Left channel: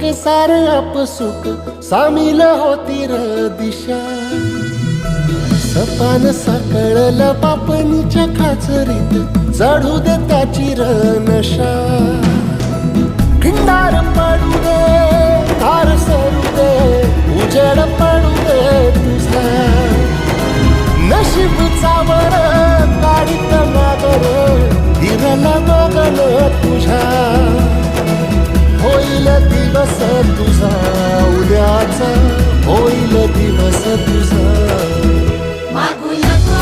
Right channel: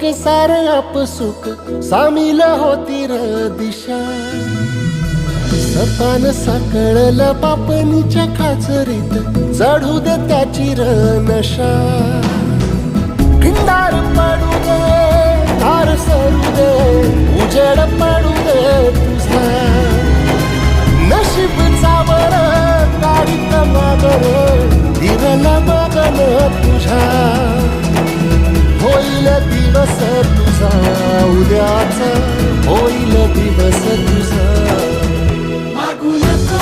एक सार आपसुक सामील होती र दिशा. सपान साकळलं पापणीच्या खाचरीत चढू दे त्याची र नशा. खिंडार पडू दे धार सरू दे उजेड पडू दे तुझा. नशीब चावर काढीत मागर धीरला बघन तुझ्या. होईल दिवस तुझा उद्याचा होईल दिवस तुझा. मागू नको